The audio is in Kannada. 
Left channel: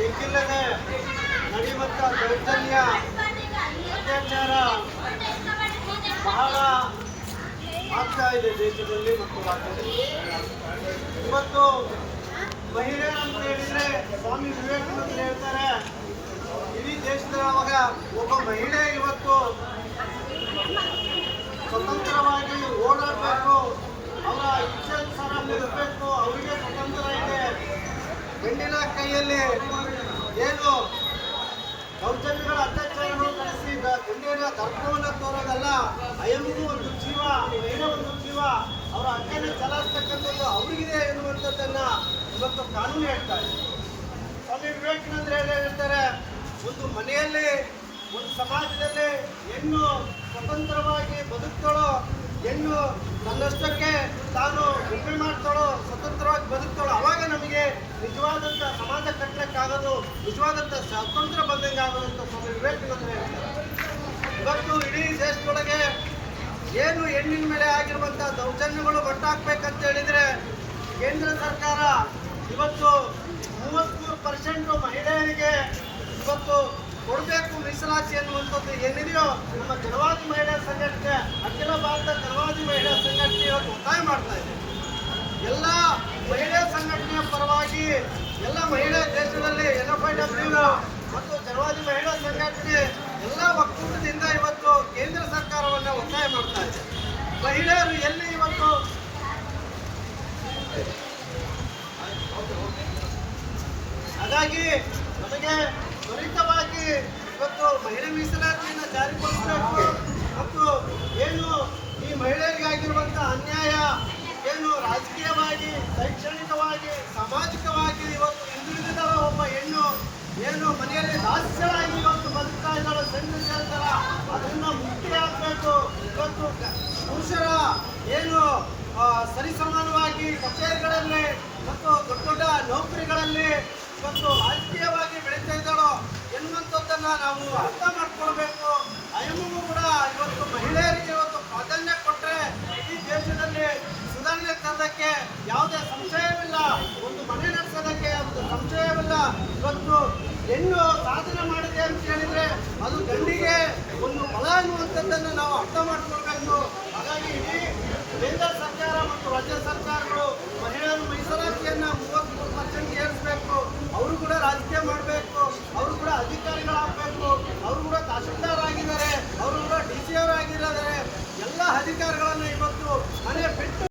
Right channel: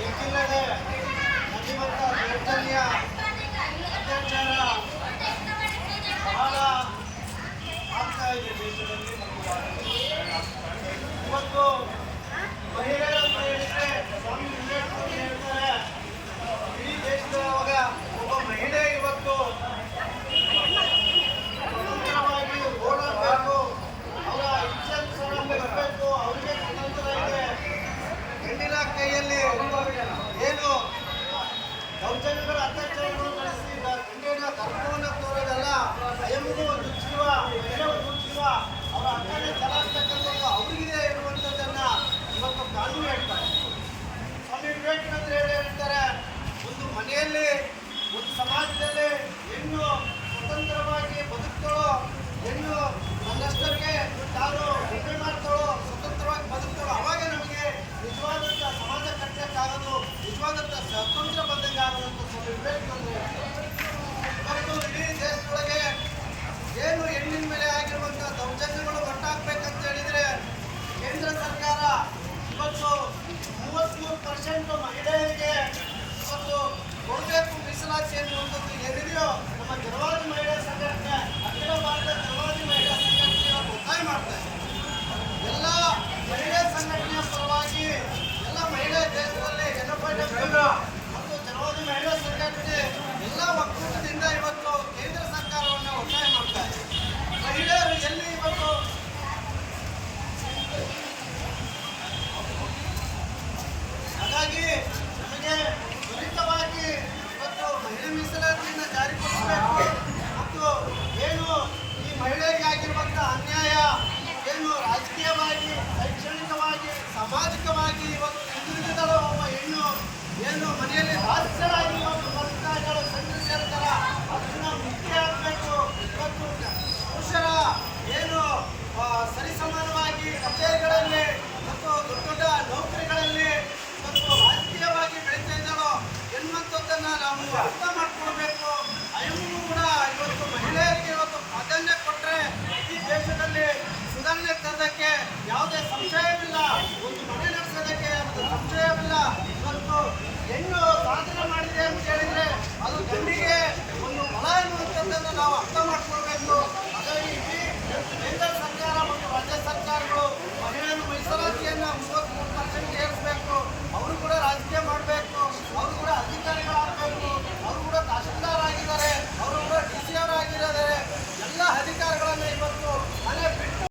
ಎಕ್ಕಿಲ್ಲದೆ ನಡೆಯುವಂಥ ದೌರ್ಜನ್ಯ ಅತ್ಯಾಚಾರ ಬಹಳ ಆಗ್ತಾ ಇದೆ ದೇಶದಲ್ಲಿ ಮತ್ತು ರಾಜ್ಯದಲ್ಲಿ. ಇವತ್ತು ಮಹಿಳೆಯರಂತ ಹೇಳಿದ್ರೆ ಸ್ವಾಮಿ ವಿವೇಕಾನಂದ ಹೇಳ್ತಾರೆ, ಇಡೀ ದೇಶದೊಳಗ ಒಬ್ಬ ಮಹಿಳೆ ಇವತ್ತು ಸ್ವತಂತ್ರವಾಗಿ ಓಡಾಡಬೇಕು, ಅವರ ಇಚ್ಛಾನುಸಾರ ಮುಗಿಸ್ಬೇಕು, ಅವರಿಗೆ ಸ್ವತಂತ್ರ ಇದೆ. ಹೆಣ್ಣಿನ ಕೈಯಲ್ಲಿ ಏನು ದೌರ್ಜನ್ಯಗಳ ಅತ್ಯಾಚಾರಗಳು ನಡೆಸಿ ಹೆಣ್ಣಿನ ಗರ್ಭವನ್ನು ತೋರೋದಲ್ಲ, ಅಯಮಗೂ ಒಂದು ಜೀವ, ಮಹಿಳೆ ಒಂದು ಜೀವ, ಅವರ ಹಕ್ಕನ್ನು ಚಲಾಯಿಸ್ತಕ್ಕಂಥದ್ದು ಅವರಿಗಿದೆ ಎನ್ನುವಂಥದ್ದನ್ನ ಇವತ್ತು ಕಾನೂನು ಹೇಳ್ತಾರೆ. ಸ್ವಾಮಿ ವಿವೇಕಾನಂದರು ಹೇಳ್ತಾರೆ, ಒಂದು ಮನೆಯಲ್ಲಿ ಒಂದು ಸಮಾಜದಲ್ಲಿ ಹೆಣ್ಣು ಸ್ವತಂತ್ರವಾಗಿ ಬದುಕ್ತಾಳೋ, ಹೆಣ್ಣು ತನ್ನಷ್ಟಕ್ಕೆ ತಾನು ಉಪಯೋಗ ಮಾಡ್ತಾಳೋ, ಸ್ವತಂತ್ರವಾಗಿ ಬದುಕ್ತಾಳೋ, ಅವಾಗ ನಮಗೆ ನಿಜವಾದಂಥ ಸಮಾಜ ಕಟ್ಟಲಿಕ್ಕಾಗೋದು, ನಿಜವಾದಂಥ ಸ್ವತಂತ್ರ ಬಂದಂಗೆ ಆಗೋದಂತ ಸ್ವಾಮಿ ವಿವೇಕಾನಂದರು ಹೇಳ್ತಾರೆ. ಇವತ್ತು ಇಡೀ ದೇಶದೊಳಗೆ ಏನು ಹೆಣ್ಣಿನ ಮೇಲೆ ಆಗಿರುವಂಥ ದೌರ್ಜನ್ಯಗಳು ಒಟ್ಟಾಗಬೇಕಂತ ಹೇಳಿದರೆ ಕೇಂದ್ರ ಸರ್ಕಾರ ಇವತ್ತು 33% ಮಹಿಳೆಯರಿಗೆ ಇವತ್ತು ಕೊಡಬೇಕು ಮೀಸಲಾತಿ ಅನ್ನುವಂಥದ್ದು ಏನಿದೆಯೋ ನಮ್ಮ ಜಲವಾದಿ ಮಹಿಳಾ ಸಂಘಟನೆ, ಅಖಿಲ ಭಾರತ ಜಲವಾದಿ ಮಹಿಳಾ ಸಂಘಟನೆ ಇವತ್ತು ಒತ್ತಾಯ ಮಾಡ್ತಾ ಇದೆ. ಎಲ್ಲ ಮಹಿಳಾ ಸಂಘಟನೆಯ ಪರವಾಗಿ ಎಲ್ಲ ಮಹಿಳಾ ದೇಶದಲ್ಲಿ NFIW ಮತ್ತು ಜಲವಾದಿ ಮಹಿಳಾ ಸಂಘಟನೆ ಎಲ್ಲ ಒಕ್ಕೂಟದಿಂದ ಇವತ್ತು ಕೇಂದ್ರ ಸರ್ಕಾರವನ್ನು ಒತ್ತಾಯ ಮಾಡ್ತಾ ಇದೆ. ಮಹಿಳೆಯರು ಎಲ್ಲಿ ಇವತ್ತು ಹಾಗಾಗಿ ನಮಗೆ ತ್ವರಿತವಾಗಿ ಇವತ್ತು ಮಹಿಳಾ ಮೀಸಲಾತಿಯನ್ನು ಜಾರಿಗೊಳಿಸಬೇಕು ಮತ್ತು ಏನು ಈ ಮಹಿಳೆಗೆ ಆಗಿರುವಂಥ ಅನ್ಯಾಯ ಏನು ರಾಜಕೀಯವಾಗಿ, ಶೈಕ್ಷಣಿಕವಾಗಿ, ಸಾಮಾಜಿಕವಾಗಿ ಇವತ್ತು ಹಿಂದುಳಿದಳು ಒಬ್ಬ ಹೆಣ್ಣು ಏನು ಮನೆಯಲ್ಲಿ ದಾಸ್ಯರಾಗಿ ಇವತ್ತು ಬದುಕ್ತಾ ಇದ್ದಾಳು ಚಂದ್ರಶೇಖರ, ಅದನ್ನು ಮುಕ್ತಿ ಆಗಬೇಕು. ಇವತ್ತು ಪುರುಷರ ಏನು ಸರಿಸಮಾನವಾಗಿ ಕಚೇರಿಗಳಲ್ಲಿ ಮತ್ತು ದೊಡ್ಡ ದೊಡ್ಡ ನೌಕರಿಗಳಲ್ಲಿ ಇವತ್ತು ರಾಜಕೀಯವಾಗಿ ಬೆಳೀತಾ ಇದ್ದಾಳೋ ಎನ್ನುವಂಥದ್ದನ್ನು ನಾವು ಅರ್ಥ ಮಾಡ್ಕೊಳ್ಬೇಕು. ಅಯ್ಯೂ ಕೂಡ ಇವತ್ತು ಮಹಿಳೆಯರಿಗೆ ಇವತ್ತು ಪ್ರಾಧಾನ್ಯ ಕೊಟ್ಟರೆ ಈ ದೇಶದಲ್ಲಿ ಸುಧಾರಣೆ ತರೋದಕ್ಕೆ ಯಾವುದೇ ಸಂಶಯವಿಲ್ಲ, ಒಂದು ಮನೆ ನಡೆಸೋದಕ್ಕೆ ಯಾವುದೇ ಸಂಶಯವಿಲ್ಲ. ಇವತ್ತು ಹೆಣ್ಣು ಸಾಧನೆ ಮಾಡಿದೆ ಅಂತ ಹೇಳಿದರೆ ಅದು ಗಂಡಿಗೆ ಒಂದು ಬಲ ಎನ್ನುವಂಥದ್ದನ್ನು ನಾವು ಅರ್ಥ ಮಾಡ್ಕೊಳ್ಬೇಕು. ಹಾಗಾಗಿ ಇಡೀ ಕೇಂದ್ರ ಸರ್ಕಾರ ಮತ್ತು ರಾಜ್ಯ ಸರ್ಕಾರ